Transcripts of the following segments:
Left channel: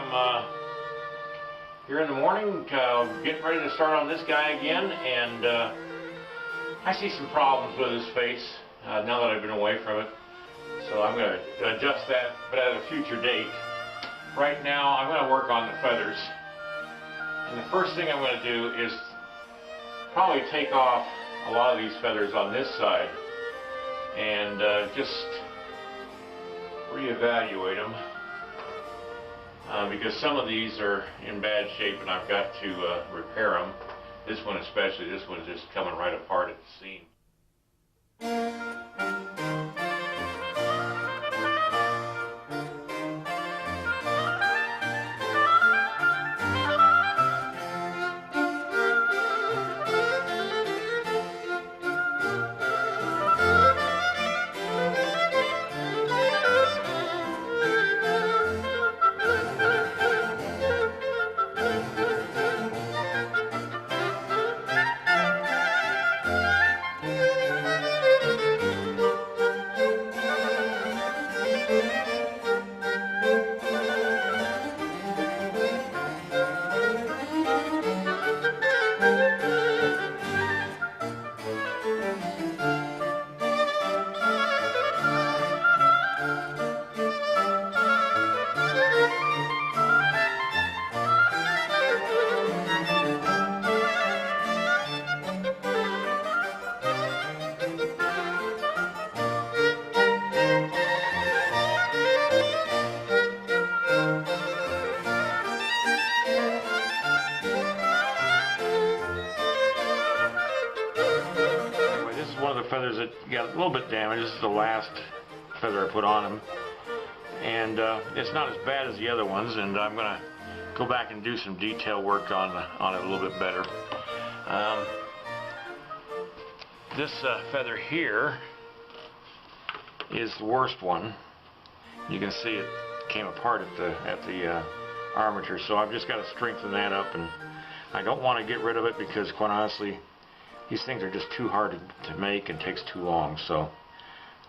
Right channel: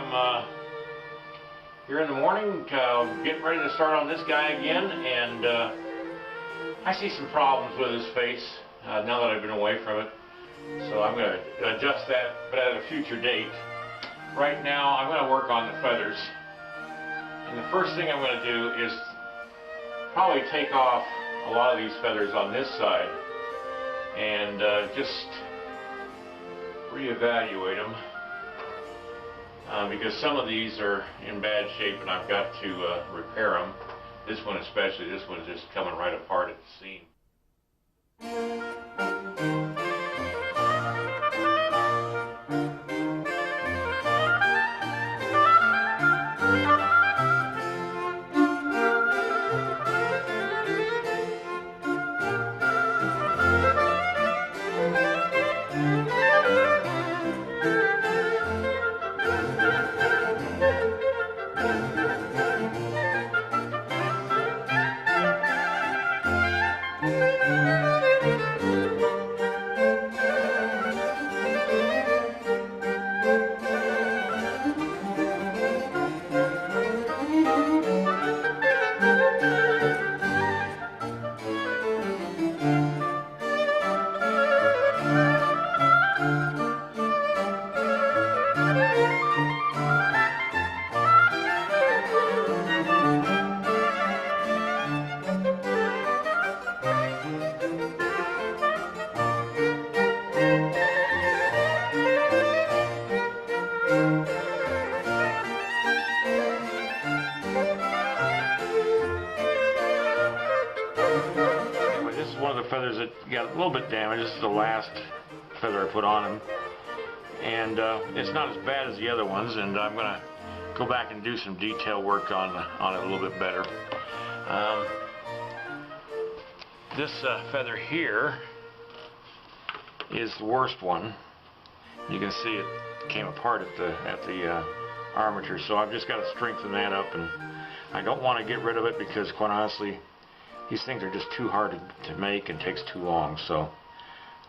I'm here in the morning, getting ready to start on this guy again, and I see some problems with his face now that I've been away from it. So I'm going to adjust that, but at a future date. Right now, I'm going to work on the feathers. And the first thing I'm going to do is probably take off a lot of these feathers on this side and just reevaluate them. Because some of these are in bad shape and I've got to repair them. This one especially, this one is just coming right apart at the seam. This is one of the feathers that got a little bit damaged. This is the last feather I put on him, and it's not as bad as the other ones, and I'm going to go back and do some detail work on it a little bit better. This feather here is the worst one. You can see it came apart at the armature, so I've just got to strengthen that up, and I don't want to get rid of it because, quite honestly, these things are just too hard to make and takes too long. So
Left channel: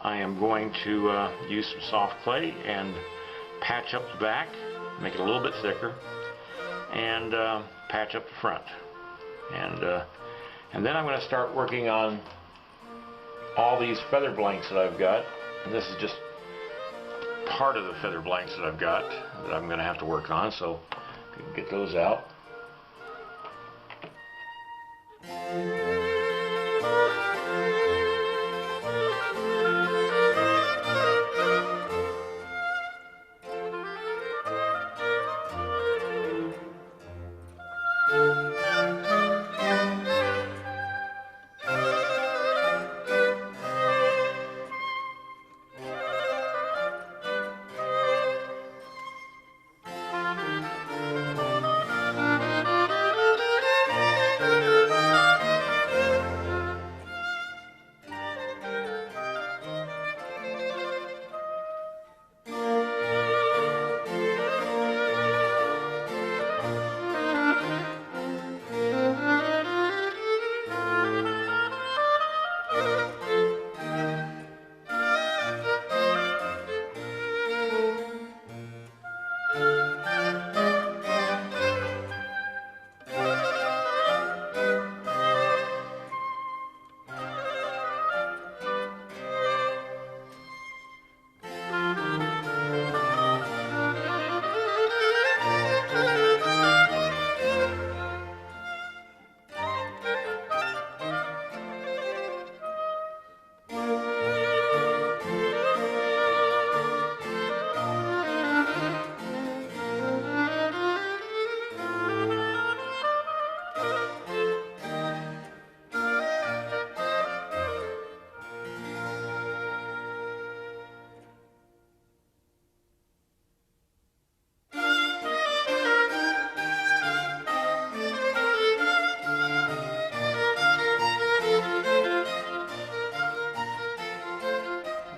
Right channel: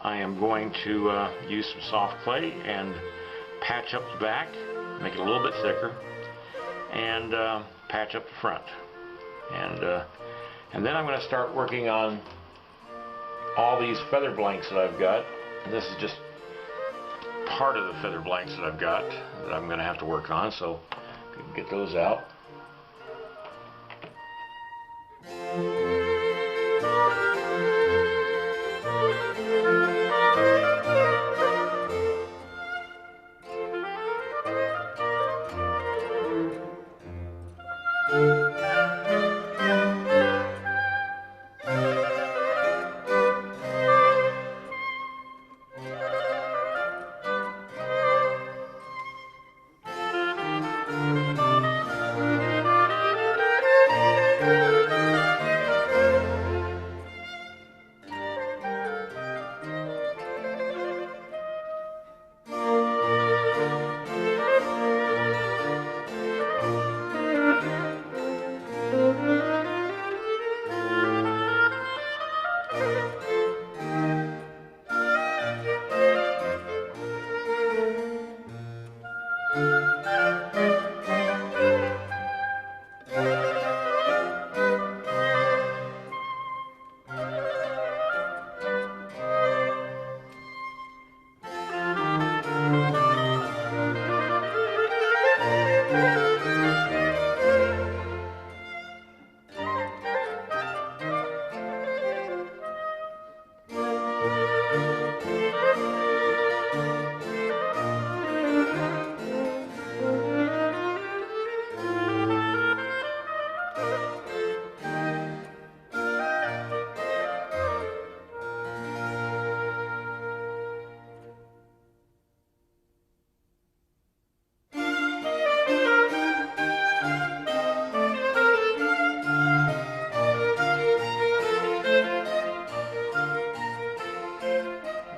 I am going to use some soft clay and patch up the back, make it a little bit thicker, and patch up the front. And then I'm going to start working on all these feather blanks that I've got. And this is just part of the feather blanks that I've got that I'm going to have to work on. So if you can get those out.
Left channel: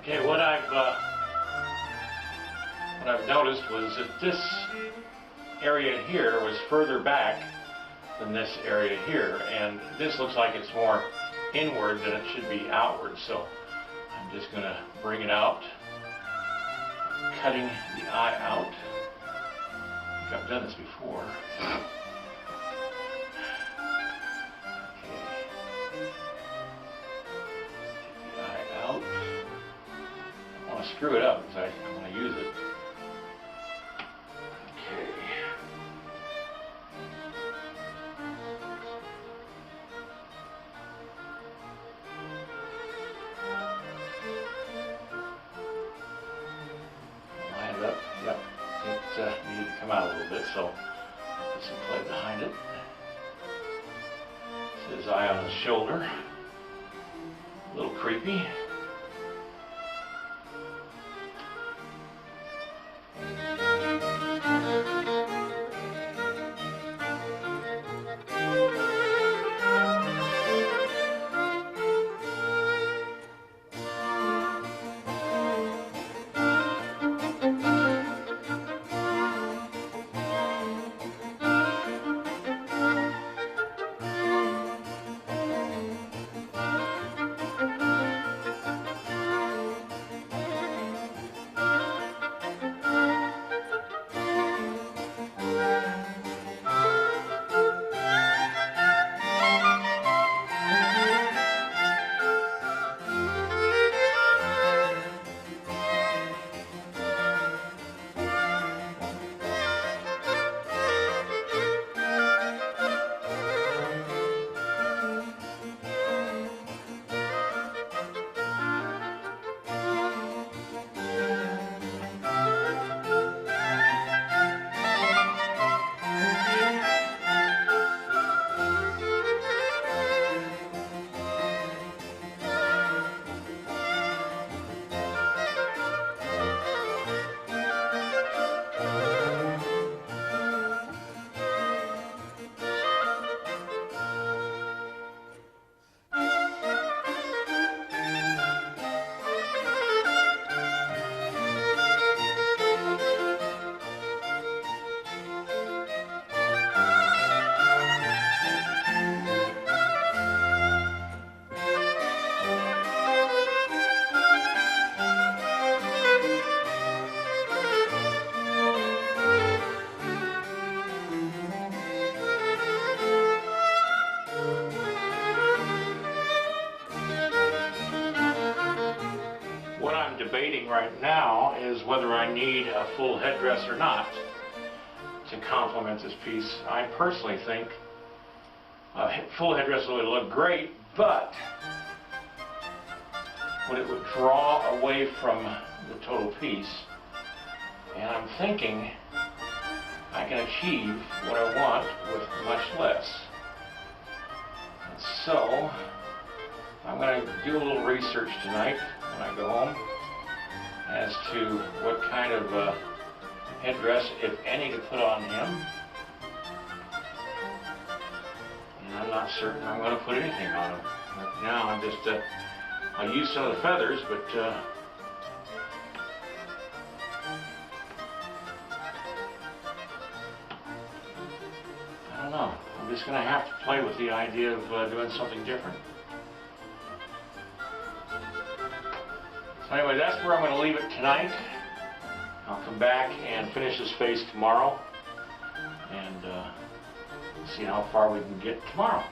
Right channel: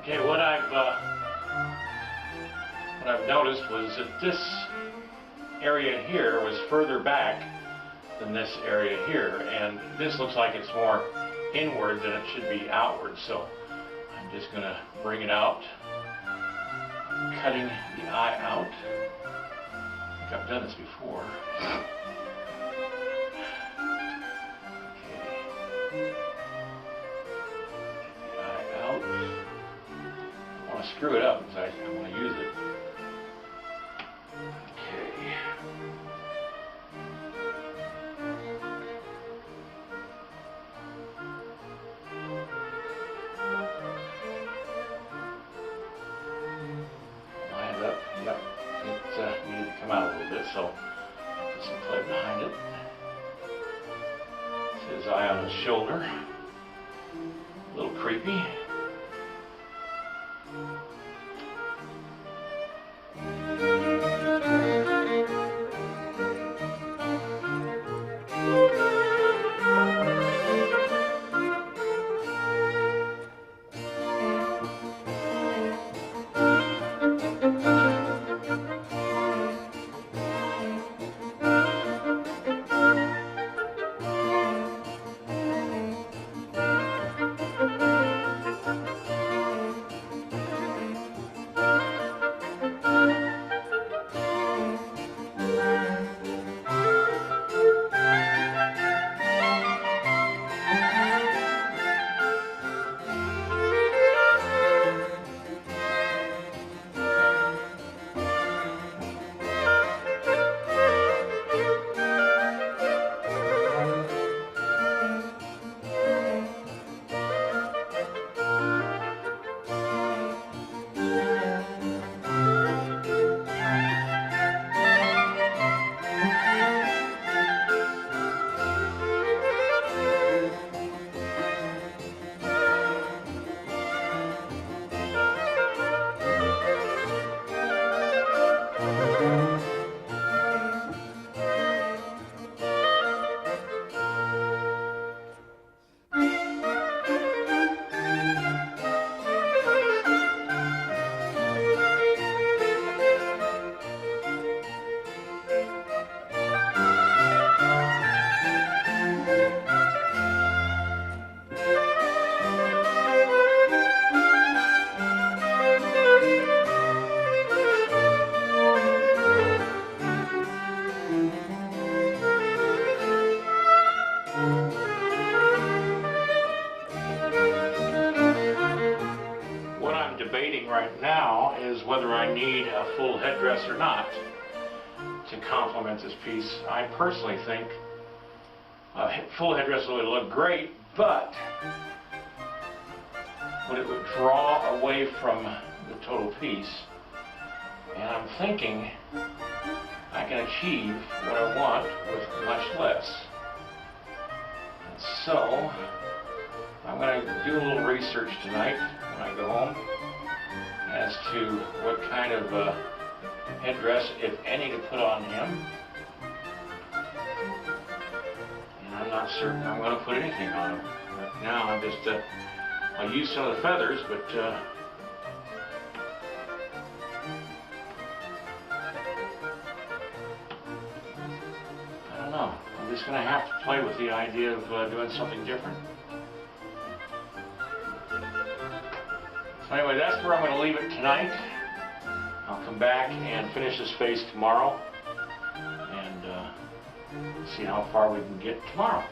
Okay, what I've noticed was that this area here was further back than this area here, and this looks like it's more inward than it should be outward. So I'm just going to bring it out, cutting the eye out. I've done this before. Okay. Take the eye out. I want to screw it up because I want to use it. Okay. Line it up. Yep. It needed to come out a little bit, so I'll put some clay behind it. It's his eye on his shoulder. A little creepy. What I'm debating right now is whether I need a full headdress or not to complement this piece. I personally think a full headdress would look great, but it would draw away from the total piece. And I'm thinking I can achieve what I want with much less. And so I'm going to do a little research tonight when I go home as to what kind of headdress, if any, to put on him. And I'm not certain I'm going to put anything on him. Right now I'm just, I'll use some of the feathers, but I don't know. I'm just going to have to play with the idea of doing something different. So anyway, that's where I'm going to leave it tonight. I'll come back and finish this face tomorrow and see how far we can get tomorrow.